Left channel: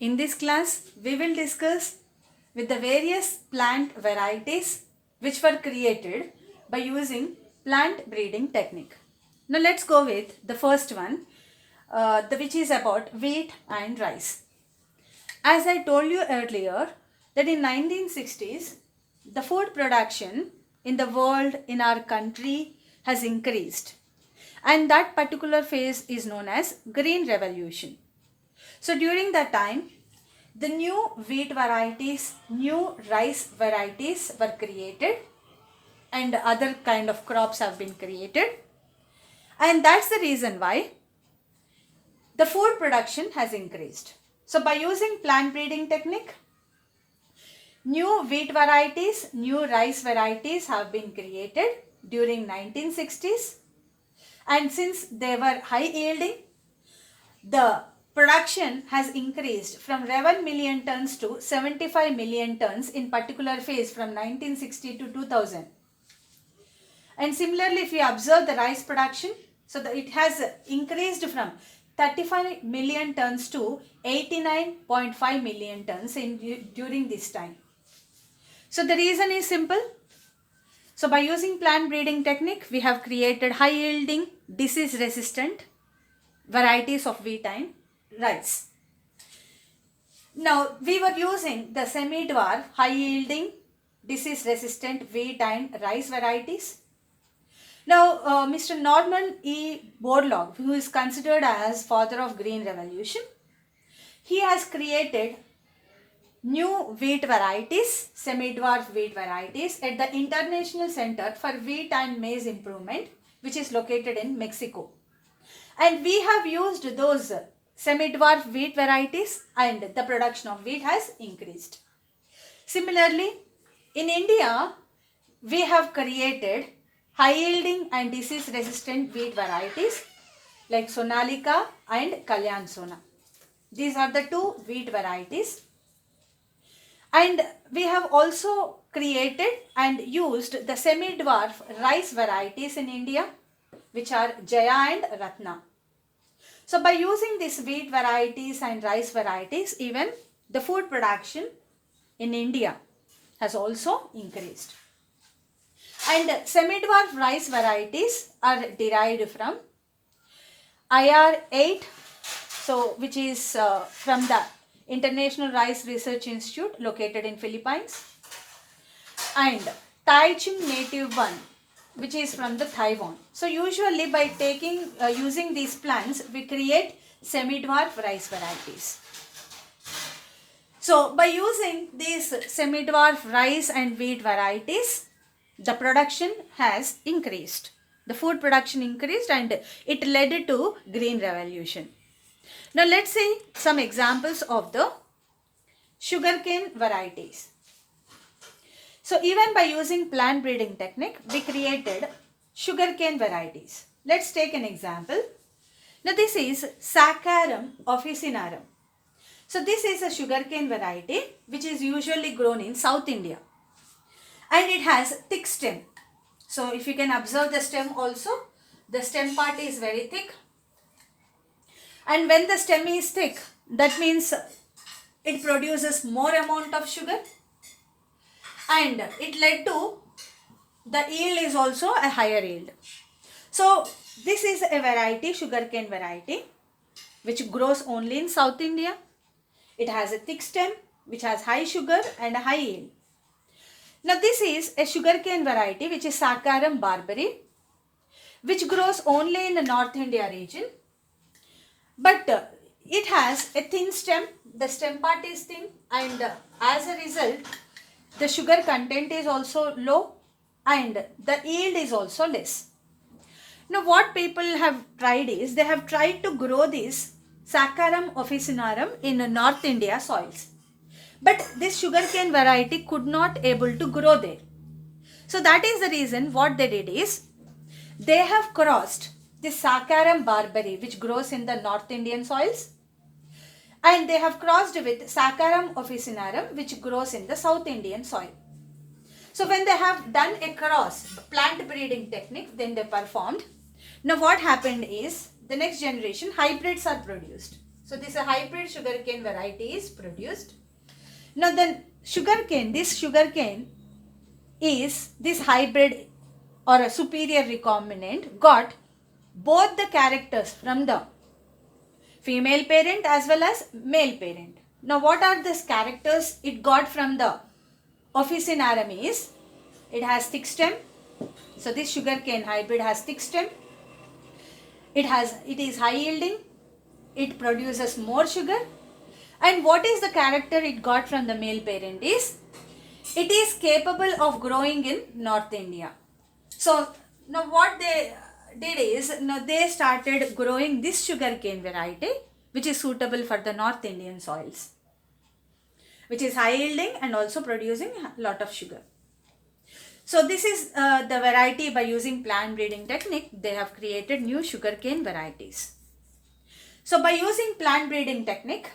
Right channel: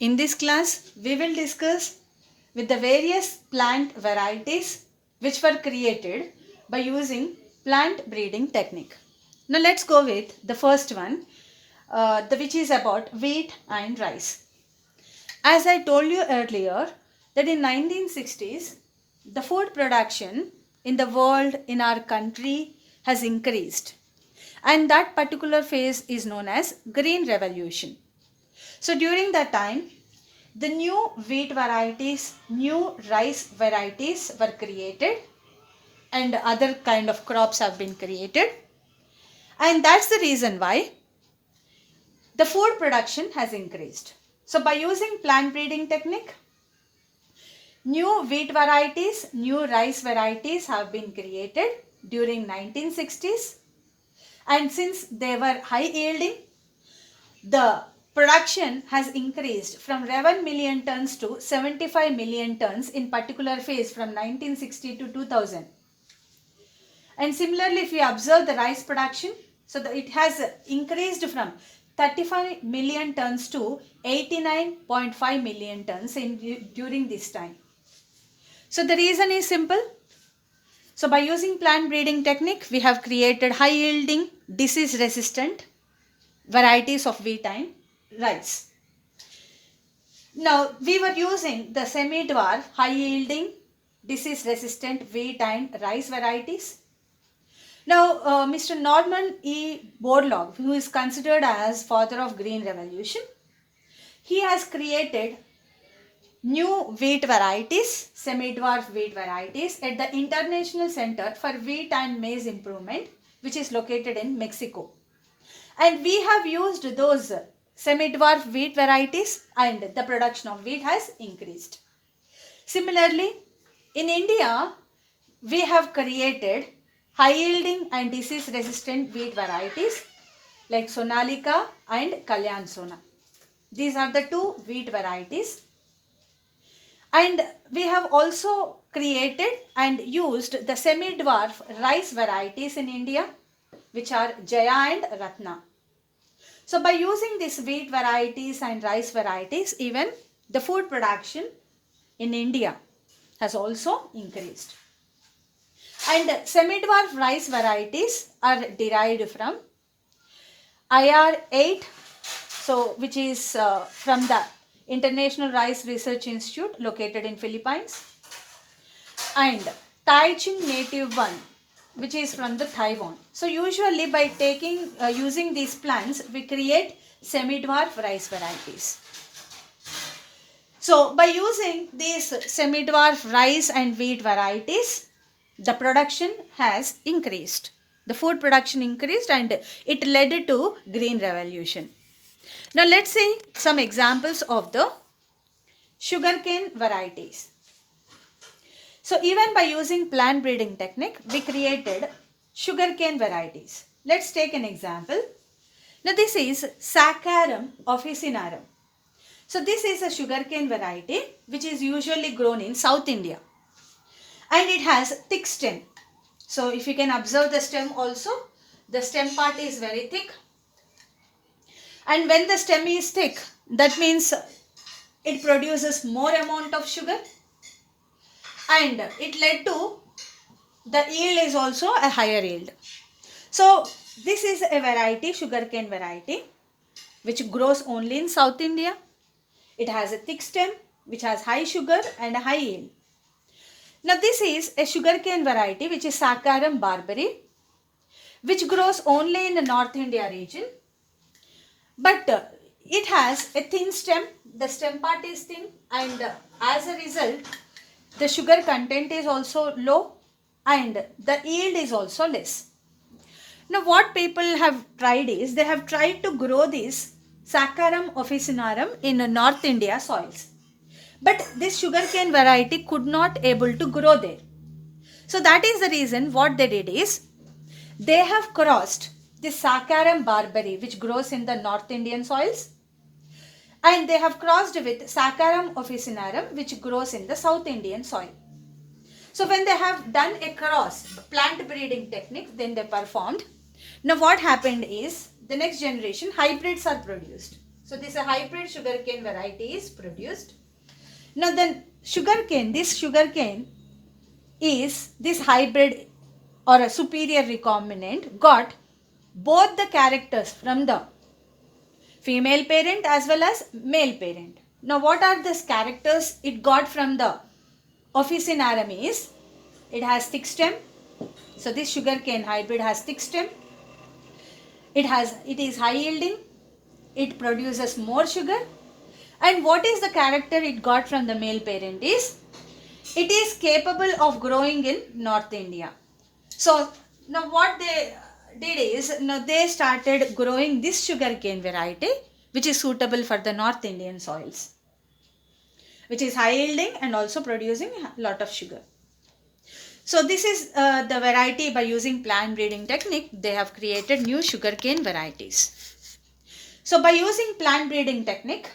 In this class, we will discuss with the various plant varieties which were created by using plant breeding technique. Now let's go with the first one, which is about wheat and rice. As I told you earlier, that in 1960s, the food production in the world, in our country, has increased. And that particular phase is known as Green Revolution. So during that time, the new wheat varieties, new rice varieties were created and other kind of crops have been created. And that's the reason why the food production has increased. So by using plant breeding technique, new wheat varieties, new rice varieties have been created during 1960s. And since they were high yielding, the production has increased from 11 million tons to 75 million tons in particular phase from 1960 to 2000. And similarly, if you observe the rice production, so it has increased from 35 million tons to 89.5 million tons during this time. So the reason is simple. So by using plant breeding technique, we have created high yielding, disease resistant varieties of wheat and rice. Now we were using the semi-dwarf, high yielding, disease resistant wheat and rice varieties. Now Mr. Norman E. Borlaug, who is considered as father of Green Revolution, he has created new wheat varieties, semi-dwarf wheat varieties at the International Center for Wheat and Maize Improvement, which is located in Mexico. And we have used those semi-dwarf wheat varieties and the production of wheat has increased. Similarly, in India, we have created high yielding and disease resistant wheat varieties like Sonalika and Kalyan Sona. These are the two wheat varieties. And we have also created and used the semi-dwarf rice varieties in India, which are Jaya and Ratna. So by using these wheat varieties and rice varieties, even the food production in India has also increased. And semi-dwarf rice varieties are derived from IR8, so which is from the International Rice Research Institute located in Philippines, and Taichung Native 1, which is from the Taiwan. So usually by using these plants, we create semi-dwarf rice varieties. So by using these semi-dwarf rice and wheat varieties, the production has increased. The food production increased and it led to Green Revolution. Now let's see some examples of the sugarcane varieties. So even by using plant breeding technique, we created sugarcane varieties. Let's take an example. Now this is Saccharum officinarum. So this is a sugarcane variety which is usually grown in South India. And it has thick stem. So if you can observe the stem also, the stem part is very thick. And when the stem is thick, that means it produces more amount of sugar. And it led to the yield is also a higher yield. So this is a variety, sugarcane variety, which grows only in South India. It has a thick stem, which has high sugar and a high yield. Now this is a sugarcane variety, which is Saccharum barbari, which grows only in the North India region. But it has a thin stem, the stem part is thin, and as a result, the sugar content is also low and the yield is also less. Now what people have tried is, they have tried to grow this Saccharum officinarum in North India soils. But this sugarcane variety could not able to grow there. So that is the reason what they did is, they have crossed this Saccharum barbari, which grows in the North Indian soils, and they have crossed with Saccharum officinarum, which grows in the South Indian soil. So when they have done a cross, plant breeding technique, then they performed. Now what happened is, the next generation hybrids are produced. So this hybrid sugarcane variety is produced. Now then sugarcane, this hybrid or a superior recombinant got both the characters from the female parent as well as male parent. Now what are these characters it got from the Officinarum is, it has thick stem. So this sugarcane hybrid has thick stem. It is high yielding. It produces more sugar. And what is the character it got from the male parent is, it is capable of growing in North India. So now what they did is, now they started growing this sugarcane variety which is suitable for the North Indian soils, which is high yielding and also producing a lot of sugar. So this is the variety. By using plant breeding technique, they have created new sugarcane varieties. So by using plant breeding technique,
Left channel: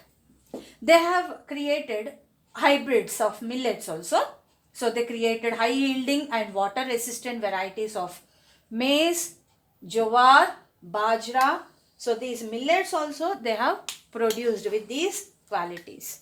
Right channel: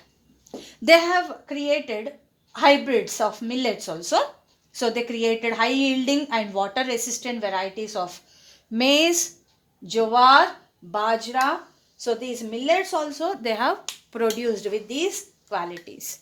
they have created hybrids of millets also. So they created high yielding and water resistant varieties of maize, jowar, bajra. So these millets also they have produced with these qualities.